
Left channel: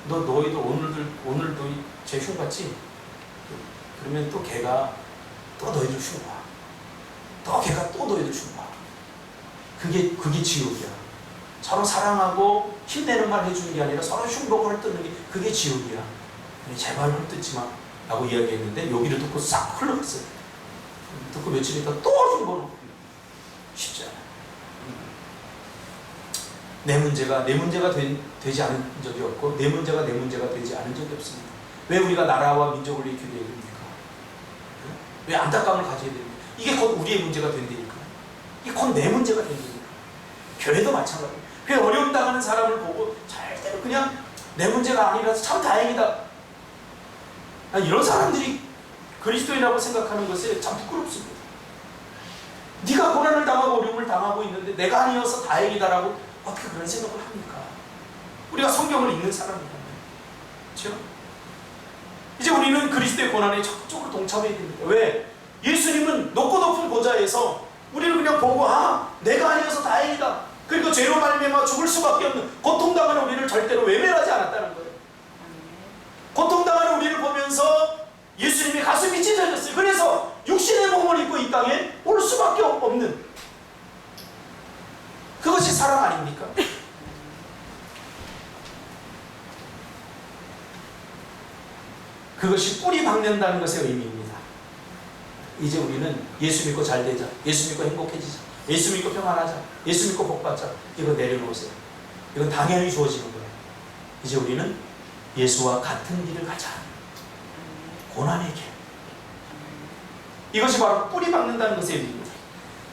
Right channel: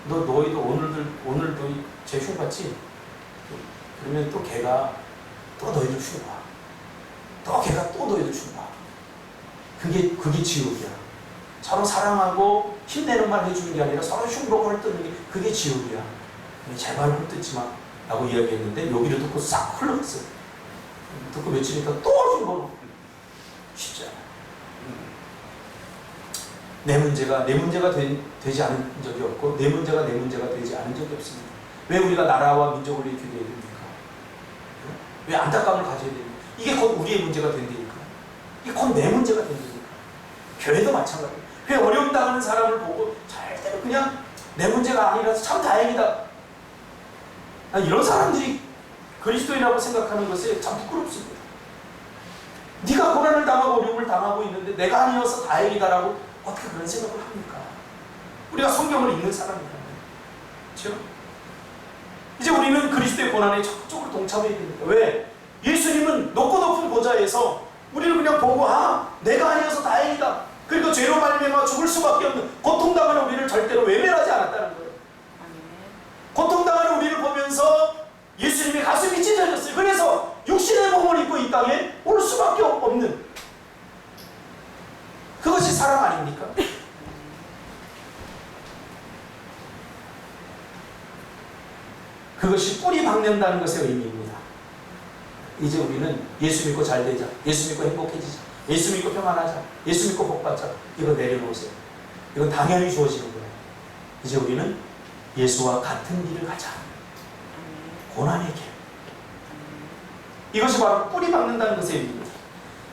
너희도 오늘도 쟤 흉봤지? 그러면 또 걔가 또 너희들 흉봐. 또 걔가 또 너희들 흉봐. 그게 지옥이야. 서로 사랑하고 힘내는 말 해주는 게 아니라 서로 흉보고 헐뜯는 게 그게 지옥이야. 제발 헐뜯지 마. 라고 이야기했는데 여기를 듣고 싹 흘러갔어요. 듣고 며칠 있다 또 흉보는 쉽지 않아요. 내 문제가 되지 않은 적이 없고 내 문제가 되지 않은 적이 없습니다. 왜 우리가 나라와 민족을 위해 기도해야 됩니까? 왜 안타까움을 가져야 됩니까? 이게 곧 우리의 문제가 된다니까. 이게 곧 내 문제가 된다니까. 교회도 마찬가지예요. 교회 어려움 당하는 사람을 보고 절대로 그냥 내 문제가 아니라서 참 다행이다. 이런 사람들이 그리스도인이라고 생각하는 것이 참 부끄럽습니다. 네가 고난을 당하고 어려움을 당하고 있는데 내가 아니어서 다행이다라고 어떻게 그런 생각을 합니까? 우리가 성경을 읽는 사람이라면. 그렇죠? 이제 우리는 그리스도의 고난에 적극적으로 동참해야 됩니다. 왜? 예수님은 높고 높은 보좌에서 우리를 그냥 보고 내가 아니어서 다행이다. 그리고 죄로 말미암아 죽을 수밖에 없는 고통당하는 우리를 절대로 외면하지 않았다는 거예요. 고통당하는 우리를 보면서 예수님의 가슴이 찢어졌어요. 그래서 육신의 몸을 입고 이 땅에 올 수밖에 없는, 그것이 사랑 아닙니까? 그것이 뿌리 박는다는 것의 의미입니다. 이제 우리는 예수 믿고 잘 되자, 예수 믿고 행복해지자, 예수 믿고 평안하자, 예수 믿고 복받자, 이거 내려놓으세요. 이건 당연히 주어지는 거예요. 이제 우리는 예수와 같은 길을 가자. 고난의 길. 이것이 바로 뿌리 박는다는 것의 의미입니다.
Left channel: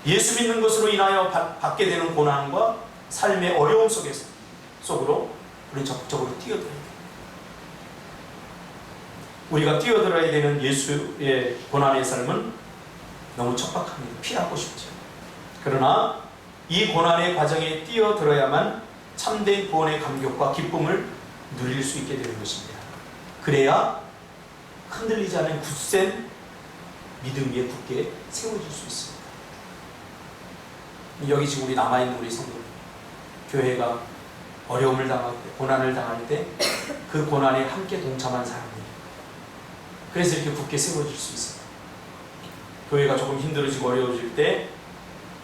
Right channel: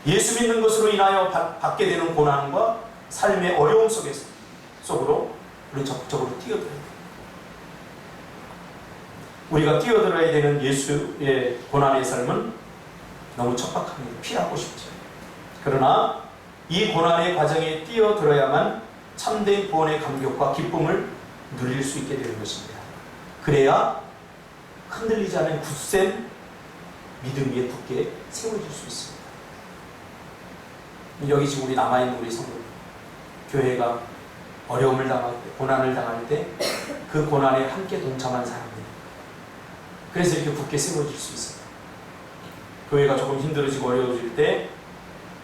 예수 믿는 것으로 인하여 받게 되는 고난과 삶의 어려움 속으로 우리는 적극적으로 뛰어들어야 돼요. 우리가 뛰어들어야 되는 예수의 고난의 삶은 너무 척박합니다. 피하고 싶죠. 그러나 이 고난의 과정에 뛰어들어야만 참된 구원의 감격과 기쁨을 누릴 수 있게 되는 것입니다. 그래야 흔들리지 않은 굳센 믿음 위에 굳게 세워질 수 있습니다. 여기 지금 우리 남아있는 우리 성도, 교회가 어려움을 당할 때, 고난을 당할 때 그 고난에 함께 동참한 사람들, 그래서 이렇게 굳게 세워질 수 있습니다. 교회가 조금 힘들어지고 어려워질 때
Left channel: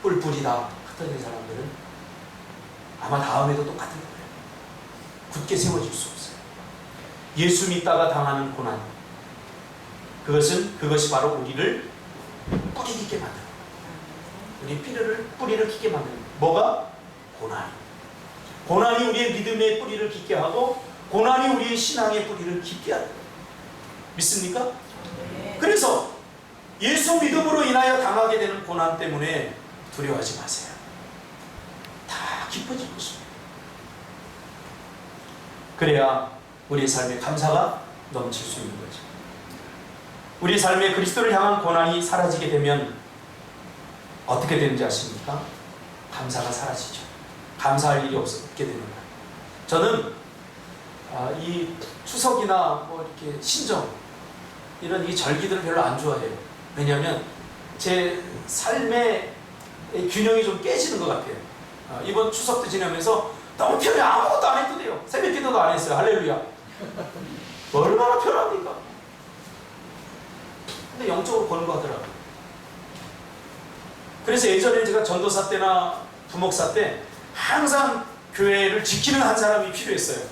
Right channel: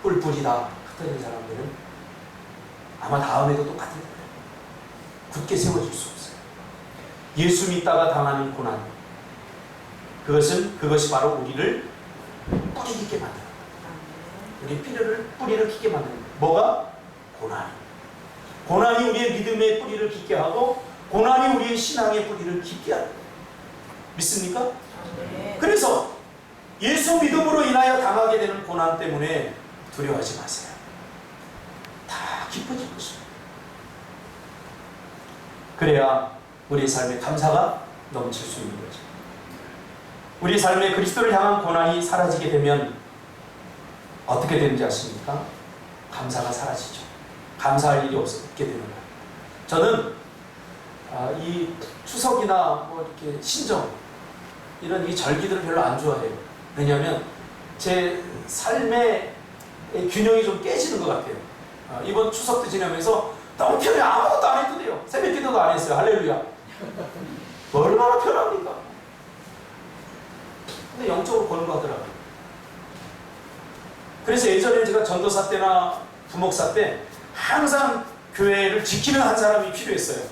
뿔뿔이 다 흩어진 사람들은 아마 다음에도 똑같은 거예요. 굳게 세워질 수 없어요. 예수 믿다가 당하는 고난, 그것이 바로 우리를 뿌리 깊게 만드는 거예요. 우리 뿌리를 깊게 만드는 거예요. 뭐가? 고난입니다. 고난이 우리의 믿음의 뿌리를 깊게 하고 고난이 우리의 신앙의 뿌리를 깊게 하는 거예요. 믿습니까? 네. 그래서 예수 믿음으로 인하여 당하게 되는 고난 때문에 두려워하지 마세요. 다 깊어질 것입니다. 그래야 우리의 삶에 감사가 넘칠 수 있는 거죠. 우리 삶에 그리스도를 향한 고난이 사라지게 되면 어떻게 되는지 아십니까? 감사가 사라지죠. 감사할 일이 없게 되는 거예요. 저는 이 추석이나 뭐 이렇게 신정 이런 이 절기들을 별로 안 좋아해요. 왜냐하면 제 삶의 균형이 좀 깨지는 것 같아요. 이번 추석도 지나면서 너무 편해요. 아무것도 안 해도 돼요. 새벽 기도도 안 했어요. 할렐루야. 얼마나 편합니까? 근데 영적으로 보는 거 하더라고요. 그래서 예전에 제가 전도사 때나 부목사 때 항상 교회를 지키는 한 사람이 필요했어요.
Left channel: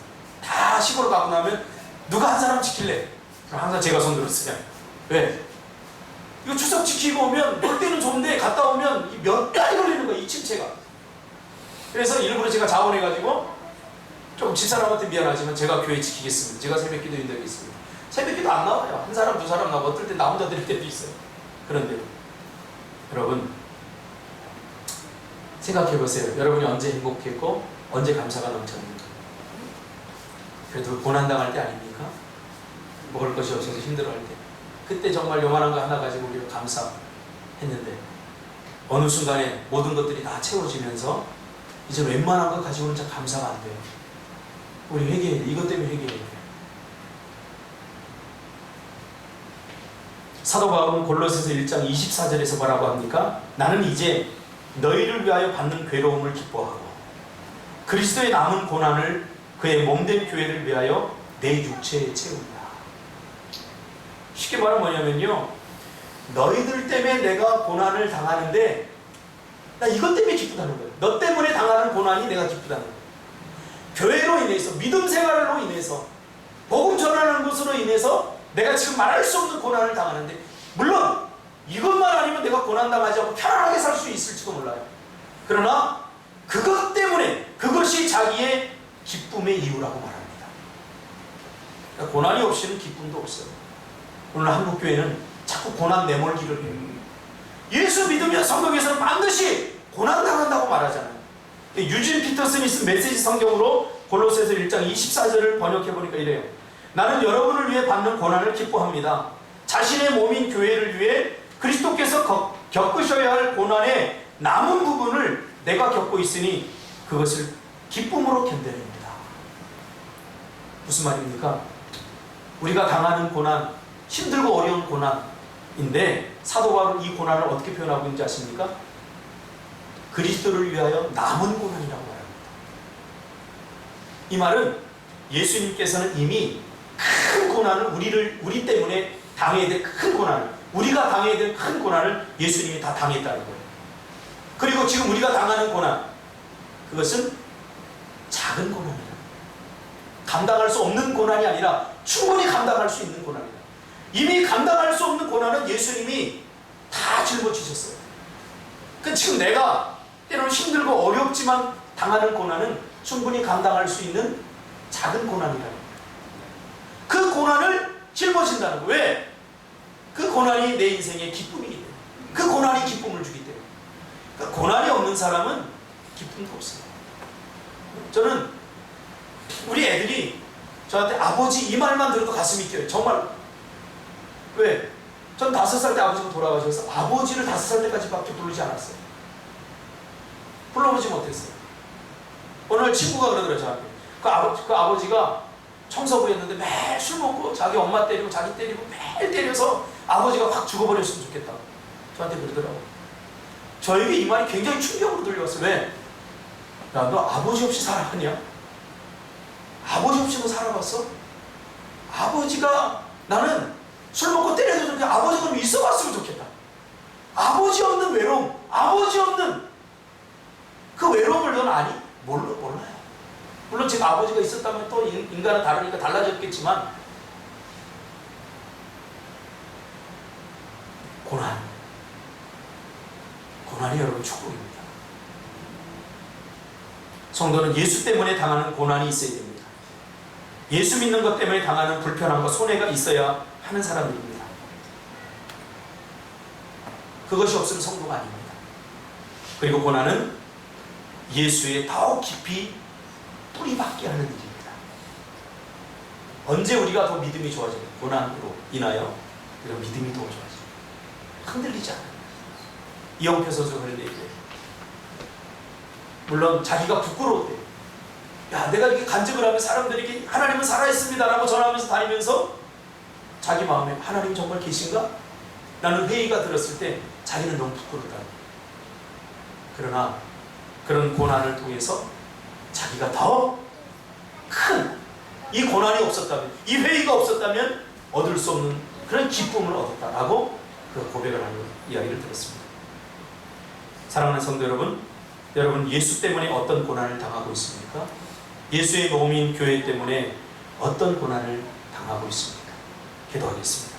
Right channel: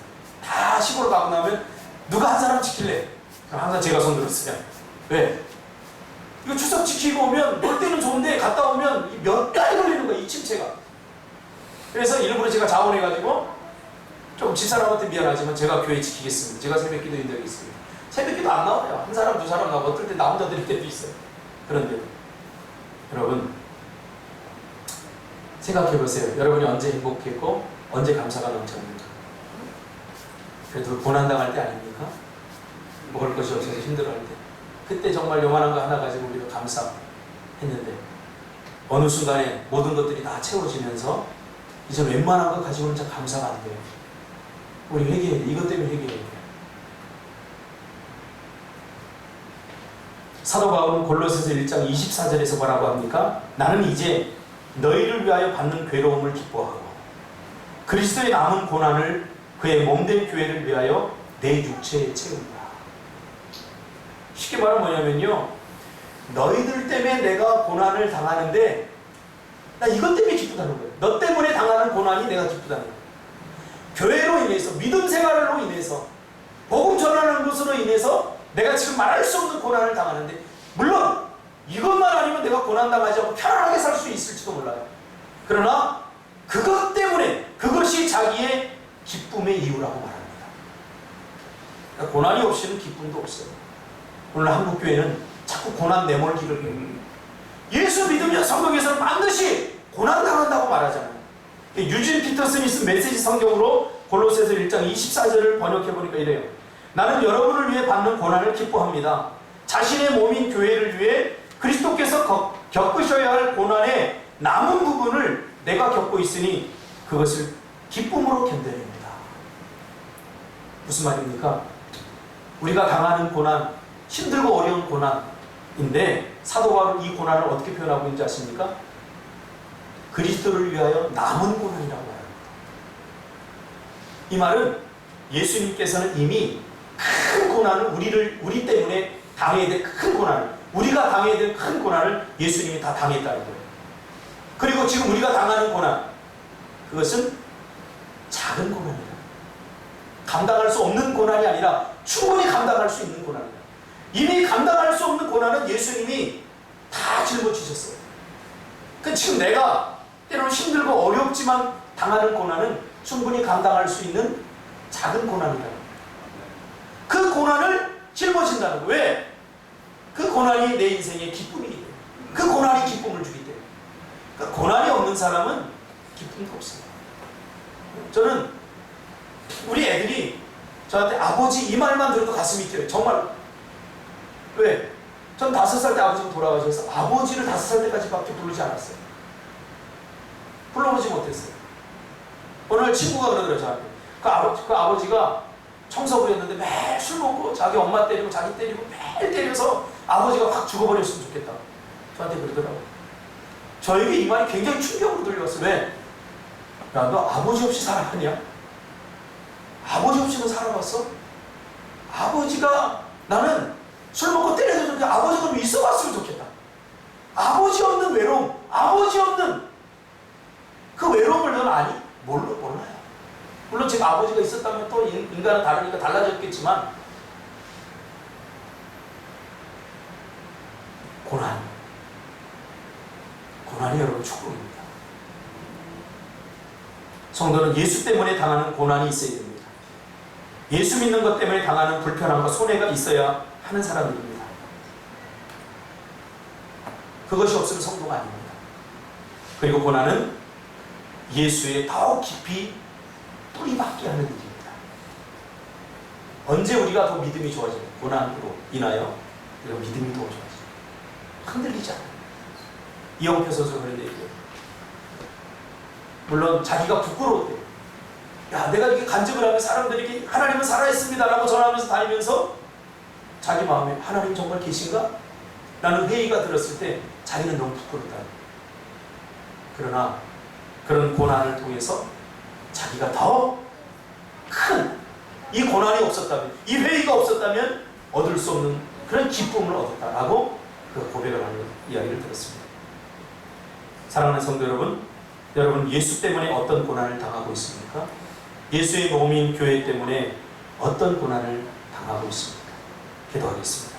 다 시골 가고 나면 누가 한 사람 지킬래? 그럼 항상 제가 손 들었어요. 왜? 이거 추석 지키고 오면 놀 때는 좋은데 갔다 오면 몇 달이 걸리는 거야, 이 침체가. 그래서 일부러 제가 자원해가지고 조금 집사람한테 미안하지만 제가 교회 지키겠습니다. 제가 새벽 기도 인도하겠습니다. 새벽 기도 안 나와요. 한 사람, 두 사람 나오고 어떨 때 나 혼자 드릴 때도 있어요. 그런데 여러분 생각해보세요. 여러분이 언제 행복했고 언제 감사가 넘쳤는가? 그래도 고난당할 때 아닙니까? 먹을 것이 없어서 힘들어할 때, 그때 정말 요만한 거 하나 가지고 우리가 감사했는데 어느 순간에 모든 것들이 다 채워지면서 이제 웬만한 거 가지고는 진짜 감사가 안 돼요. 우리 회개해야 돼. 이것 때문에 회개해야 돼. 사도 바울은 골로새서 1장 24절에서 뭐라고 합니까? 나는 이제 너희를 위하여 받는 괴로움을 기뻐하고 그리스도의 남은 고난을 그의 몸된 교회를 위하여 내 육체에 채운다. 쉽게 말하면 뭐냐면요, 너희들 때문에 내가 고난을 당하는데 나 이것 때문에 기쁘다는 거예요. 너 때문에 당하는 고난이 내가 기쁘다는 거예요. 교회로 인해서, 믿음 생활로 인해서, 복음 전하는 것으로 인해서 내가 지금 말할 수 없는 고난을 당하는데, 물론 이것만 아니면 내가 고난당하지 않고 편안하게 살 수 있을지도 몰라요. 그러나 그것 때문에, 그것이 자기의 기쁨의 이유라고 말합니다. 그러니까 고난이 없이는 기쁨도 없어요. 오늘 한국교회는 자꾸 고난 내몰기를 해요. 예수 믿으면 성경에서는 반드시 고난당한다고 말하잖아요. 유진 피터슨이 쓴 메시지 성경으로 골로새서 1장 24절을 번역해보니까 이래요. 나는 여러분을 위해 받는 고난을 기뻐합니다. 자신의 몸인 교회를 위해 그리스도께서 겪으셔야 할 고난의 남은 부분을 내가 겪고 있으니 그것을 기쁨으로 견뎌냅니다. 무슨 말입니까? 우리가 당하는 고난, 힘들고 어려운 고난인데 사도 바울은 이 고난을 어떻게 표현하고 있는지 아십니까? 그리스도를 위하여 남은 고난이라고 말합니다. 이 말은 예수님께서는 이미 큰 고난을 우리 때문에 당해야 될 큰 고난을, 우리가 당해야 될 큰 고난을 예수님이 다 당했다는 거예요. 그리고 지금 우리가 당하는 고난, 그것은 작은 고난이다. 감당할 수 없는 고난이 아니라 충분히 감당할 수 있는 고난이다. 이미 감당할 수 없는 고난은 예수님이 다 짊어지셨어요. 그 지금 내가 때로는 힘들고 어렵지만 당하는 고난은 충분히 감당할 수 있는 작은 고난이다. 그 고난을 짊어진다는 거예요. 왜? 그 고난이 내 인생의 기쁨이기 때문에. 그 고난이 기쁨을 주기 때문에. 그러니까 고난이 없는 사람은 기쁨도 없어요. 저는 우리 애들이 저한테 아버지 이 말만 들어도 가슴이 뛰어요. 정말. 왜? 전 5살 때 아버지가 돌아가셔서 아버지를 5살 때까지밖에 부르지 않았어요. 불러보지 못했어요. 어느 날 친구가 그러더라고요, 저한테. 그 아버지가 청소부였는데 매일 술 먹고 자기 엄마 때리고 자기 때리고 매일 때려서 아버지가 확 죽어버렸으면 좋겠다. 저한테 그러더라고요. 저에게 이 말이 굉장히 충격으로 들려왔어요. 왜? 야, 너 아버지 없이 살아봤냐? 아버지 없이 너 살아봤어? 아버지가 나는 술 먹고 때려도 좋게 아버지가 좀 있어봤으면 좋겠다. 아버지 없는 외로움, 아버지 없는 그 외로움을 넌 아니? 몰라요. 물론 제가 아버지가 있었다면 또 인간은 다르니까 달라졌겠지만 고난이 여러분 축복입니다. 성도는 예수 때문에 당하는 고난이 있어야 됩니다. 예수 믿는 것 때문에 당하는 불편함과 손해가 있어야 하는 사람들입니다. 그것이 없으면 성도가 아닙니다. 그리고 고난은 예수에 더욱 깊이 뿌리박게 하는 일입니다. 언제 우리가 더 믿음이 좋아져요? 고난으로 인하여 우리가 믿음이 더 좋아져요. 흔들리지 않아요. 이영표 선수가 그런 얘기예요. 물론 자기가 부끄러웠대요. 야, 내가 이렇게 간증을 하면 사람들에게 하나님은 살아있습니다 라고 전하면서 다니면서 자기 마음에 하나님 정말 계신가? 라는 회의가 들었을 때 자기는 너무 부끄럽다. 그러나 그런 고난을 통해서 자기가 더 큰 이 고난이 없었다면, 이 회의가 없었다면 얻을 수 없는 그런 기쁨을 얻었다라고 그 고백을 하는 이야기를 들었습니다. 사랑하는 성도 여러분, 여러분 예수 때문에 어떤 고난을 당하고 있습니까? 예수의 몸인 교회 때문에 어떤 고난을 당하고 있습니까? 기도하겠습니다.